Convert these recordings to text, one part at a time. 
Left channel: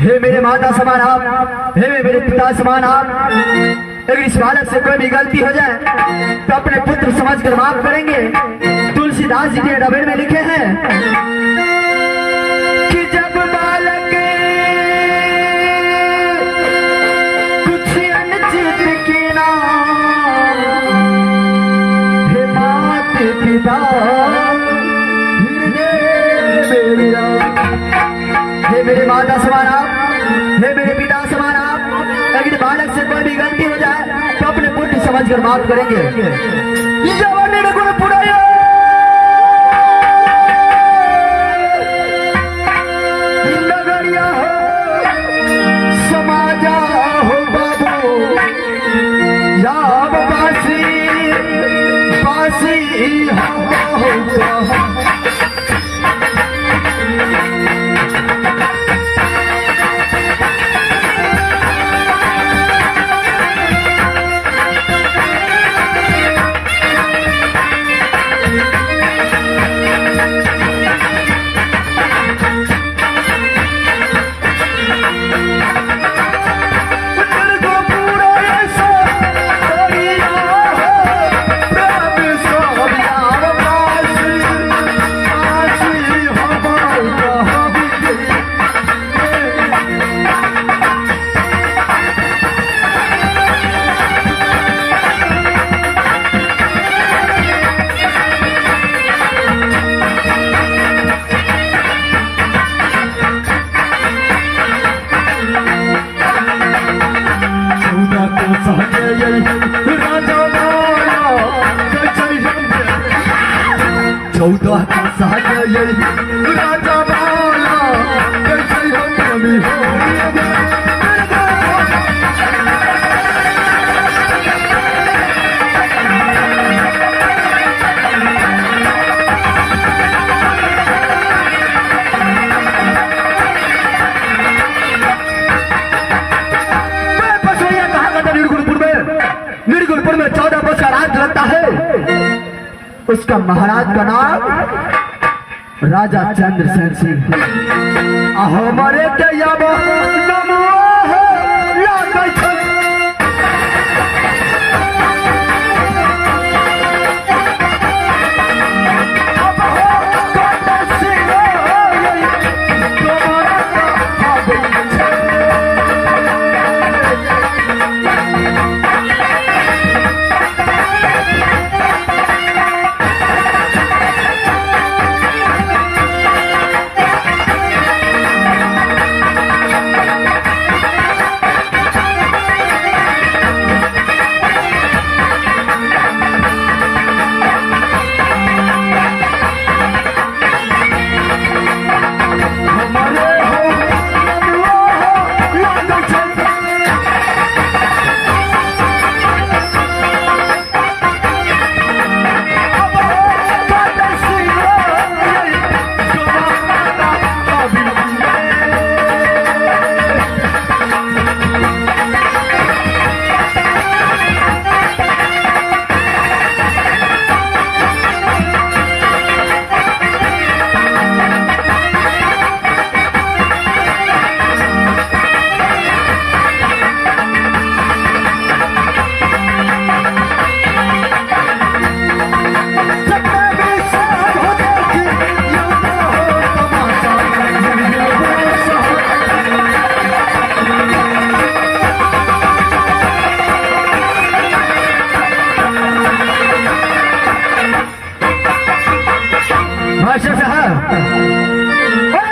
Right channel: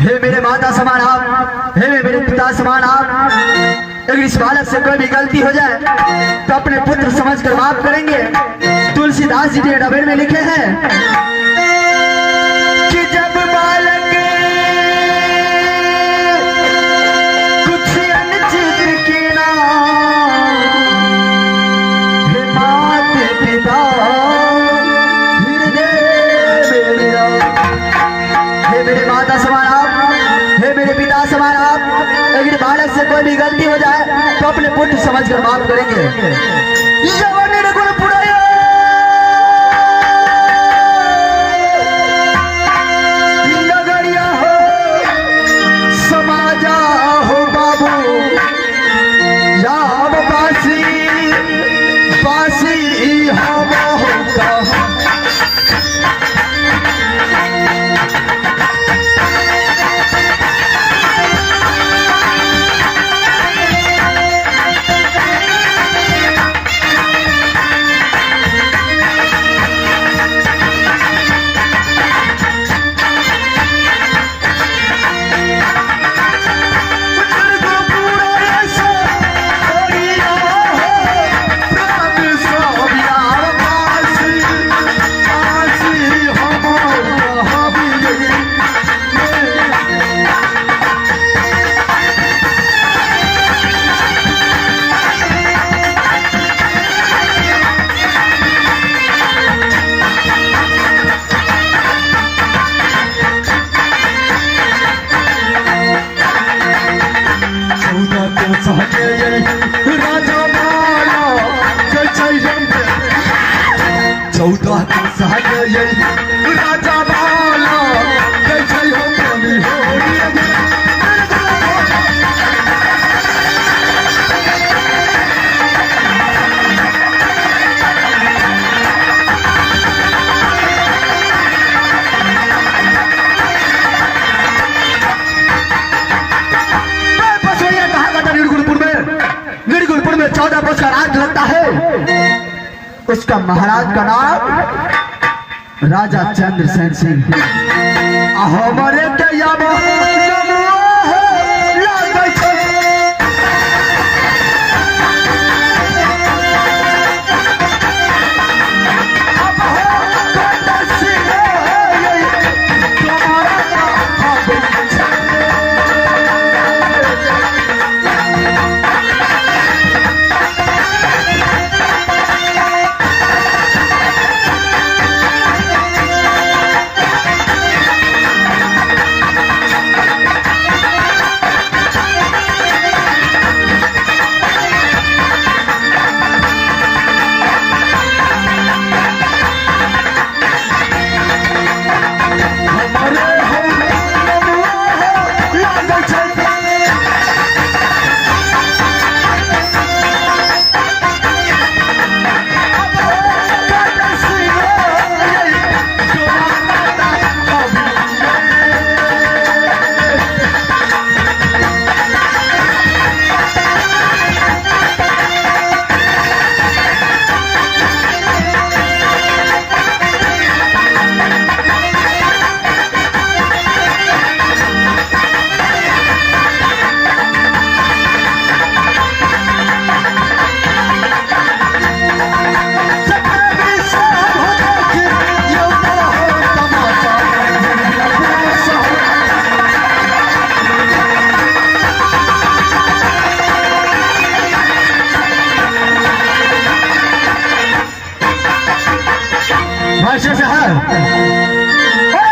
हे मेरे माता समान आप, हे मेरे पिता समान आप। अगर इस बालक से कोई भी गलती हो जाए तो अपने पुत्र समझकर माफ करेंगे। तुलसीदास जी ने नवेल में लिखे हैं कि जब बालक कुछ अनुचित किया, हे माता पिता हे मेरे माता समान आप, हे मेरे पिता समान आप। अगर बालक से कोई भी गलती हो जाए माफ करेंगे। जवानी ने गुण पुराया नगरिया हो समाजा हो बाबू या बासी बासी हवा हो कहा उसका महाराज का नाम राजा चंद्रसेन सिंह। हमारे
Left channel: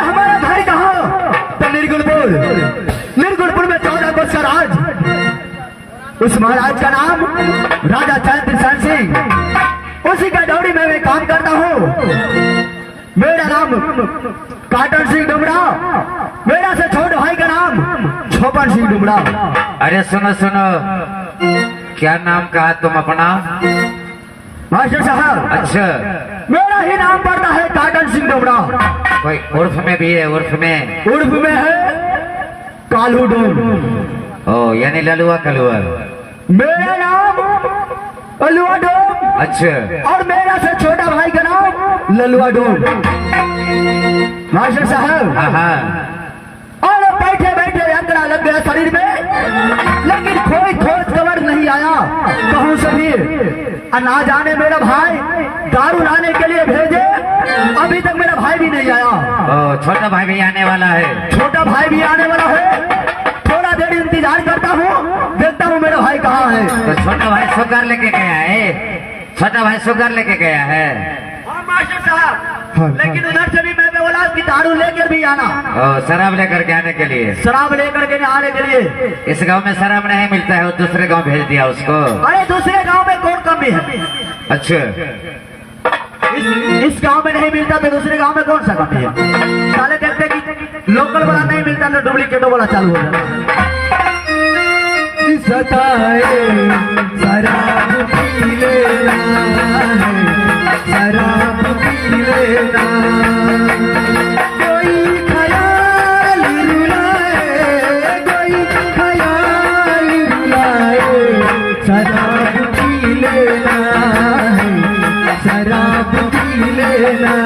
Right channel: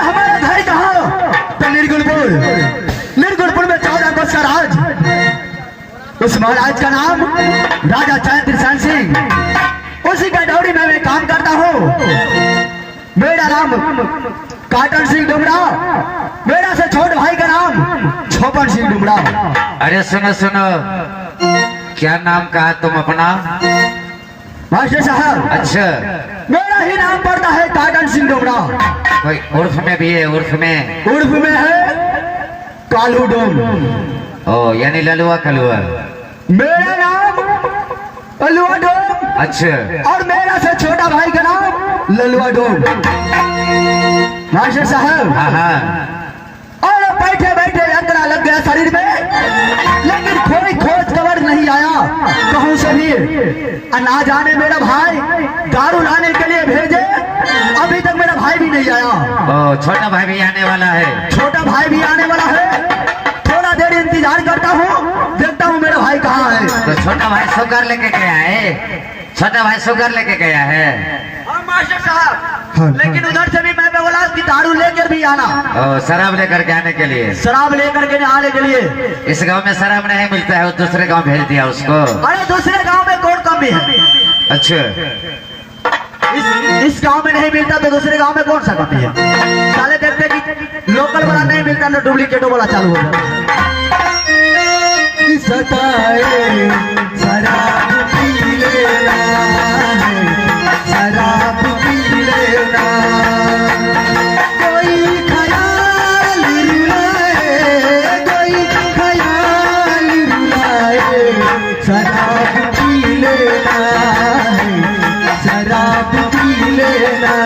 हमारा घर कहाँ? तो निर्गुणपुर में 14 वर्ष का राज। उस महाराज का नाम राजा चंद्रसेन सिंह। उसी का डौरी में मैं काम करता हूँ। मेरा नाम काटन सिंह डुमरा, मेरा से छोटे भाई का नाम छोपन सिंह डुमरा। अरे सुनो सुनो, क्या नाम कहा तुम अपना? मास्टर साहब, अच्छा, मेरा ही नाम पड़ता है काटन सिंह डोमरा। कोई उर्फ में भी है? उर्फ में है कालू डोम। ओ यानी ललुआ कलुआ। मेरा नाम ललुआ डोम। अच्छा, और मेरा से छोटा भाई का नाम ललुआ डोम। मास्टर साहब, और बैठे बैठे अंतरा लग गया शरीर में, लेकिन कोई खोज खबर नहीं आया कहूँ से भी। ना जाने मेरा भाई दारू लाने के लिए भेजे, अभी तक मेरा भाई भी नहीं आया। ओ छोटा भाई भी आने वाला है? छोटा भाई भी आने वाला है। थोड़ा देर इंतजार करता हूँ, देखता हूँ मेरा भाई कहाँ है। तो छोटा भाई शुगर लेके गया है? छोटा भाई शुगर लेके गया है? हाँ मास्टर साहब, लेकिन उधर से भी मैं बोला कि दारू लेकर भी आना, और शराब लेकर के आने के लिए। शराब लेकर के आने के लिए। इस गांव में शराब नहीं मिलता है, वो दूसरे गांव भेज दिया उसको। अरे दूसरे गांव में कौन कमी है? अच्छा, इस गांव में नहीं मिलता तो दूसरे गांव में कौन सा कमी है? साले देखते कि लोकल वाला नहीं मिलता तो डुप्लीकेटो वाला चालू हो जाता। शराब पी लेना है, शराब पी लेना, कोई ख्याल रुलाए, कोई ख्याल रुलाए, शराब पी लेना है, शराब पी लेना,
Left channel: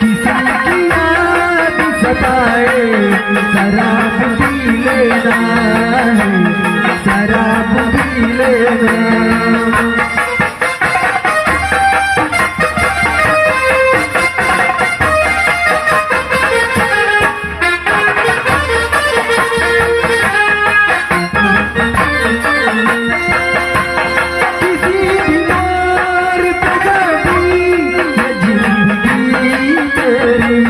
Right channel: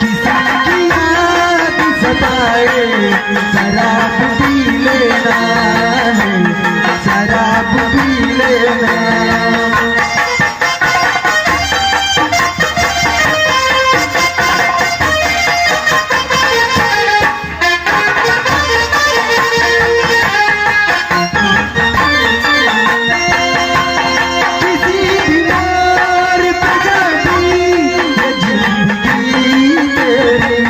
किसी की याद सताए, शराब पी लेना है, शराब पी लेना। किसी बीमार पे जाती है जिंदगी तेरी,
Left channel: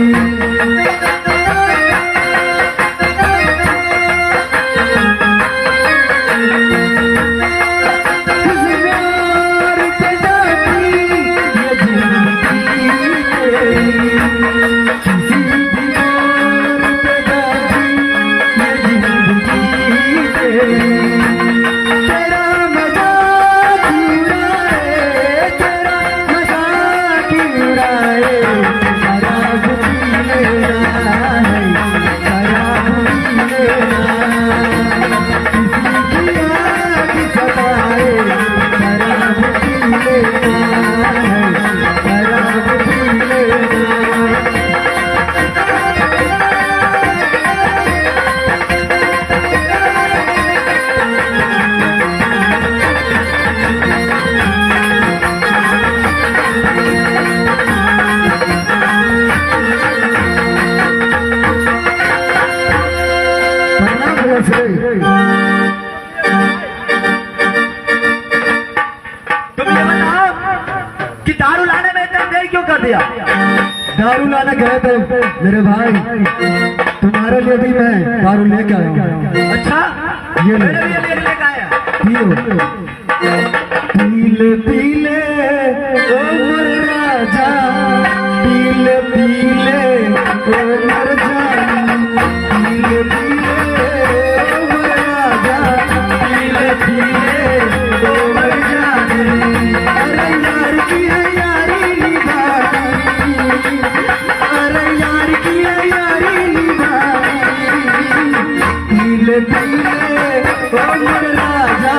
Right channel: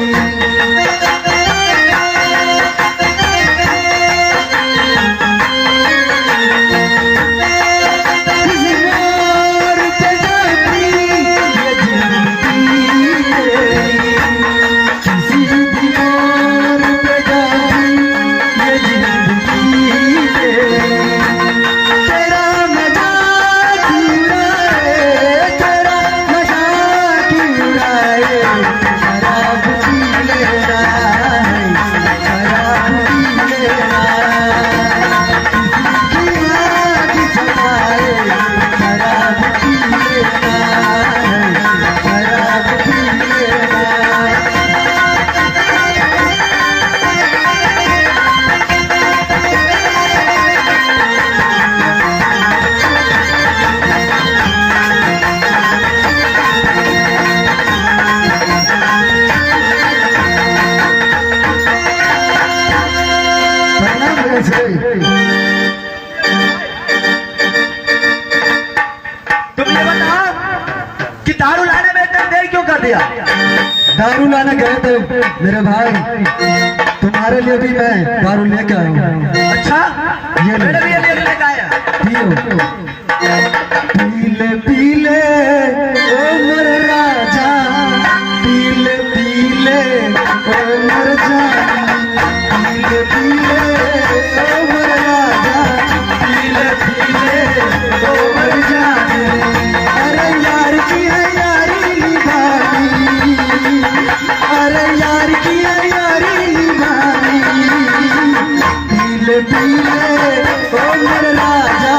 किसी बीमार पे जाती है जिंदगी तेरी, किसी बीमार पे जाती है जिंदगी तेरी। तेरा मजाक उड़ाए, तेरा मजाक उड़ाए, शराब पी लेना है, शराब पी लेना, किसी की याद सताए, शराब पी लेना है, शराब पी लेना। तुम ये बताओ कि दारू लाने में इतना देर क्यों कर दिया? दारू लाने गए थे मेरे भाई, तुम्हारे लिए भी मैं दारू लेकर आया। अच्छा, ये ले। मेरे भी ये लेके आया। पियो, पीले पीले ओ मोर राजा, पीले पीले ओ मोर जानी, पीले पीले ओ मोर राजा, पीले पीले ओ मोर जानी। अरे यार की है यारी निभानी, अरे यार की है यारी निभानी, पीले पीले ओ मोर राजा,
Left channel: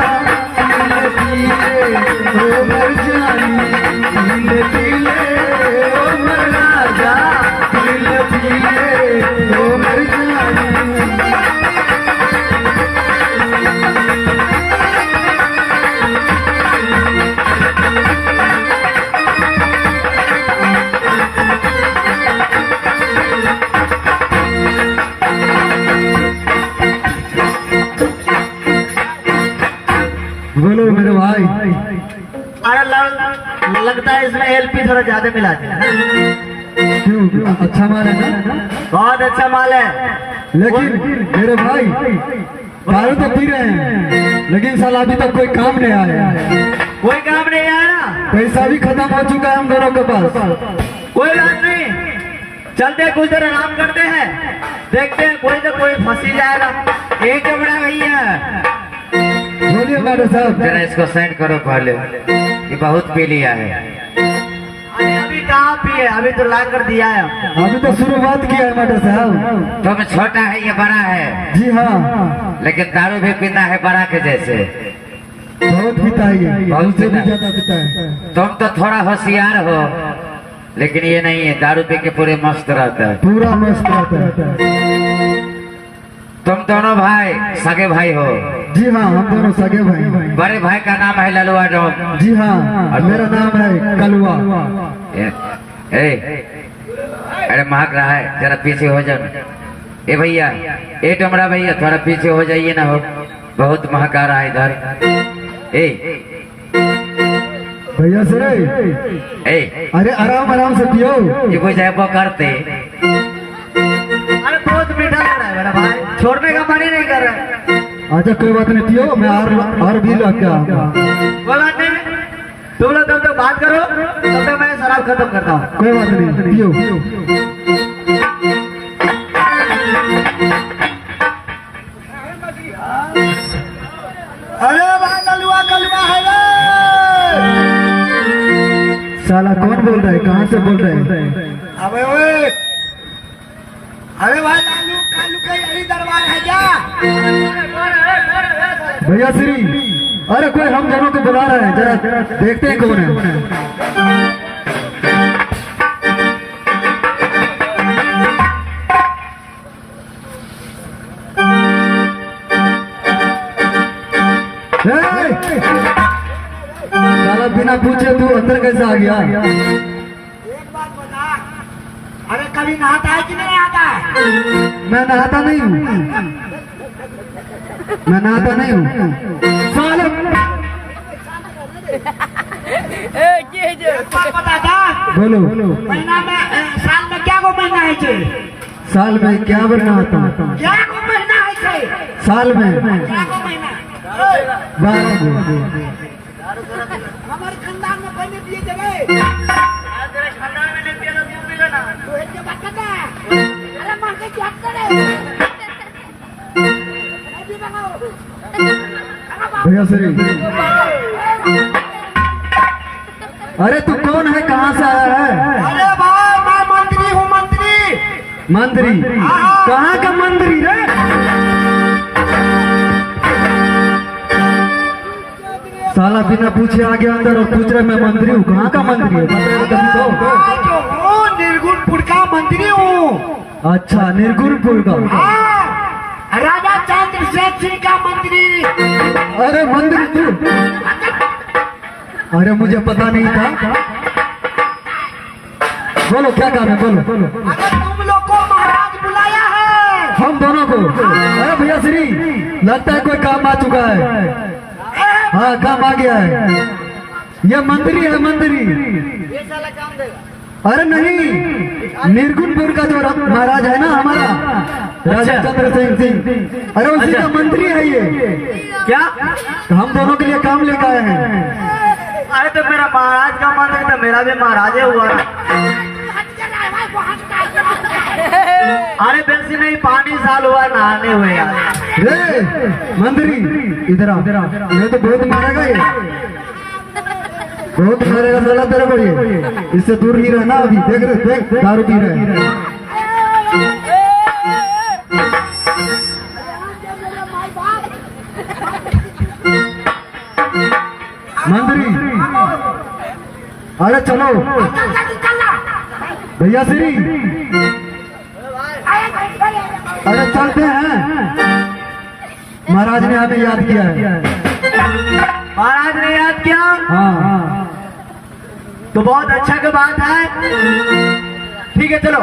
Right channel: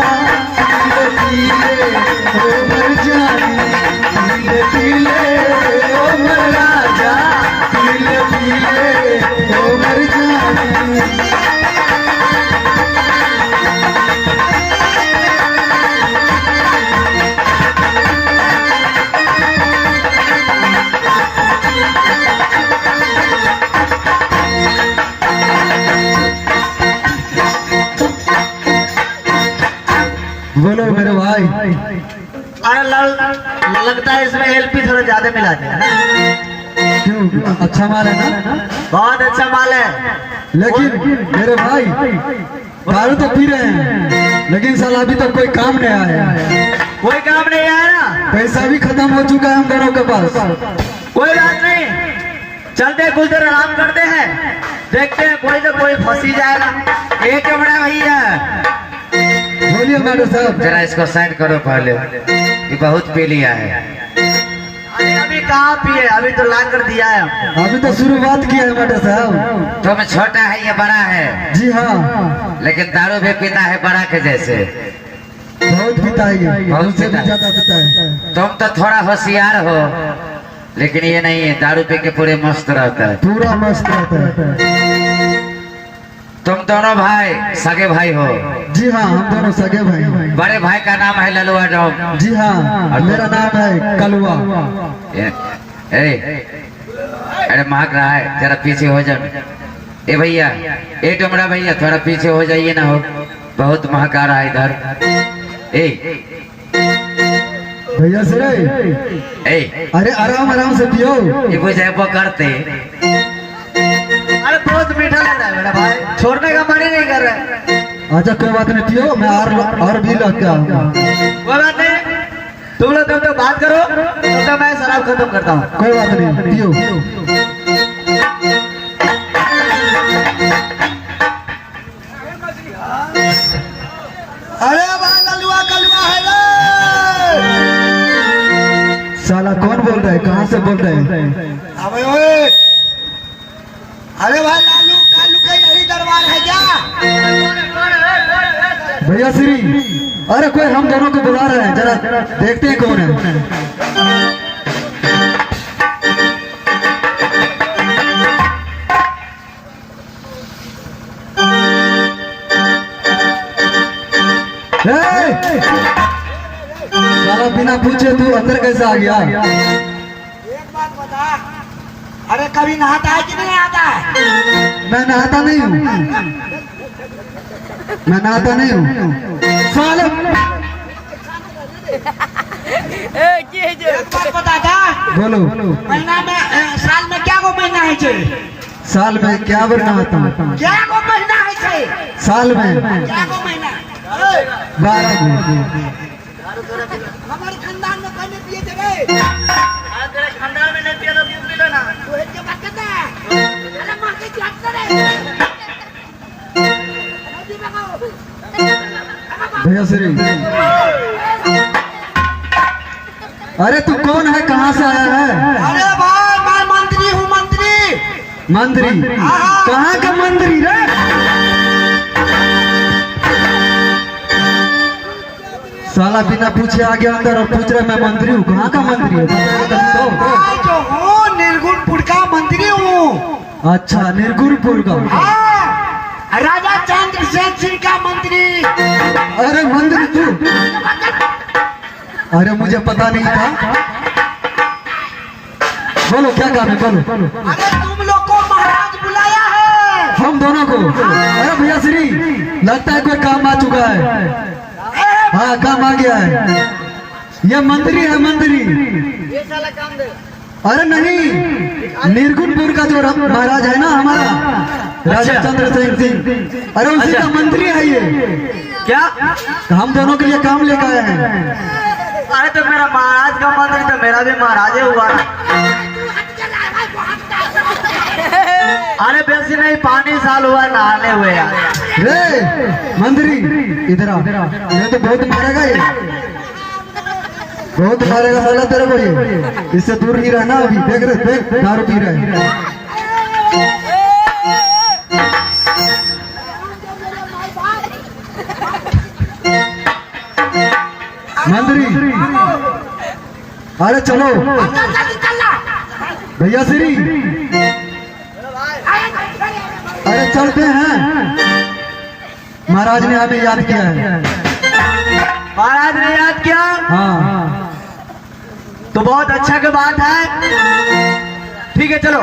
पीले पीले ओ मोर जानी, पीले पीले ओ मोर राजा, पीले पीले ओ मोर जानी। बोलो मेरे भाई, अरे लगता है इसमें एलपी थोड़ा ज्यादा मिला दिया। क्यों? अच्छा माल है ना? बहुत अच्छा माल है। लेकिन मेरे भाई दारू तो पी रहे हैं, लेकिन साला अभी तक कोई काम नहीं आया, कोई काम नहीं आया ना? पैसा भी खत्म हो चुका है हम दोनों के पास। कोई बात नहीं, चलते कुछ देर आराम करते हैं, देखते हैं कोई ना कोई फंसी जाएगा। एक बड़ा भैया, बोलिए मैडम साहब। जरा इसको साइड करो पहले, ये बहुत पी लिया है। अरे अभी कहाँ पिए, अभी तो ला कर दिया है। अभी तो शुरुआत किया है मैडम साहब। तुम छोटा है या बड़ा है, जी हाँ, लेकिन दारू भी पीता है बड़ा के जैसे। बहुत पिता है ये, बहुत हमसे भी पिता है। ज्यादा पिता है। तुम तो थोड़ा होशियार हो, लेकिन ये नहीं है, दारू पी के पूरे मस्त रहता है। पूरा मस्त रहता है। तुम दोनों भाई सगे भाई हो। जी हाँ, हम दोनों सगे भाई। बड़े भाई का नाम है ललुआ डॉम। जी हाँ, मेरा नाम है कलुआ। अरे महक रहा है, जरा पीछे हो जाओ। ए भैया, ए डोमरा भैया, थोड़ा पीछे हो जाइए ना, हो बहुत महक आ रहा है इधर। ए भैया सर ए अरे आराम आराम से पियो। ये कोई जाए वो करते अरे बहुत मीठा लग रहा है मेरा भाई, छोड़ने का मन ही नहीं कर रहा है। अच्छा कोई बात नहीं, पियो, मैं और भी लेके आऊंगा। कोई बात नहीं, तुम लोग तब तक बात करो, तब तक मैं शराब खत्म करता हूँ। कोई बात नहीं, पियो। अरे भाई कलुआ कलुआ है ना। साला कौन बोल रहा है, कहाँ से बोल रहे हैं? अबे अरे भाई लालू कालू का यही दरबार है क्या? भैया श्री, अरे कोई हम दोनों को बुला रहा है, जरा देखते ही कौन है। साला बिना पूछे तू अंदर कैसे आ गया? एक बात बता, अरे कभी नहाता है कि नहीं आता है? मैं नहाता नहीं हूँ, मैं नहाता नहीं हूँ। साला एक बात बता था, बोलो। महीना में साल में क्या को महीना है छे? साल में क्या बार नहाता हूँ? क्या को महीना है छे? साल में क्या को महीना? 12 में। हमारे खानदान में कोई नहीं पिए थे। तेरे खानदान में नहीं पिए तो तू पीगा ना। तू एक के बात करता है। अरे मां के क्या करे? अभी लगाओ। भैया श्री, अरे तू कौन है, कहाँ से आया है? अरे भाई मैं मंत्री हूँ, मंत्री। मंत्री? कहाँ का मंत्री रे? साला बिना पूछे आ गया अंदर और पूछ रहा मैं मंत्री हूँ। कहाँ का मंत्री हूँ? मैं जो हूँ निर्गुणपुर का मंत्री हूँ। अच्छा, निर्गुणपुर का। हाँ, राजा चंद्रसेन सिंह का मंत्री। अरे मंत्री तू? अरे मुझे पता नहीं था। बोलो क्या काम है, बोलो। अरे तुम लोग को महाराज बुलाया है। हम दोनों को? अरे भैया श्री, लगता है कोई काम आ चुका है। हाँ, काम आ गया है। ये मंत्री है, मंत्री। ये साला काम देगा। अरे नहीं, निर्गुणपुर का जो महाराज है ना हमारा, राजा चंद्रसेन सिंह, अरे उसी का मंत्री है ये। क्या? हम दोनों के लिए काम लेकर आए हैं। अरे तो मेरा महाराज का मंत्री तो मेरा भी महाराज ही हुआ। अरे बेसी नहीं, 5 साल हुआ नहाने हुए। रे मंत्री, इधर आ। ये तो बहुत मारेगा, ये बहुत मारेगा साला तेरे को। ये इससे दूर ही रहना। अभी देख रहे, देख दारू पी रहा है। मंत्री, अरे चलो भैया श्री, अरे चलते हैं। महाराज ने हमें याद किया है। महाराज ने याद किया? हाँ, तो बहुत अच्छा की बात है। ठीक है चलो।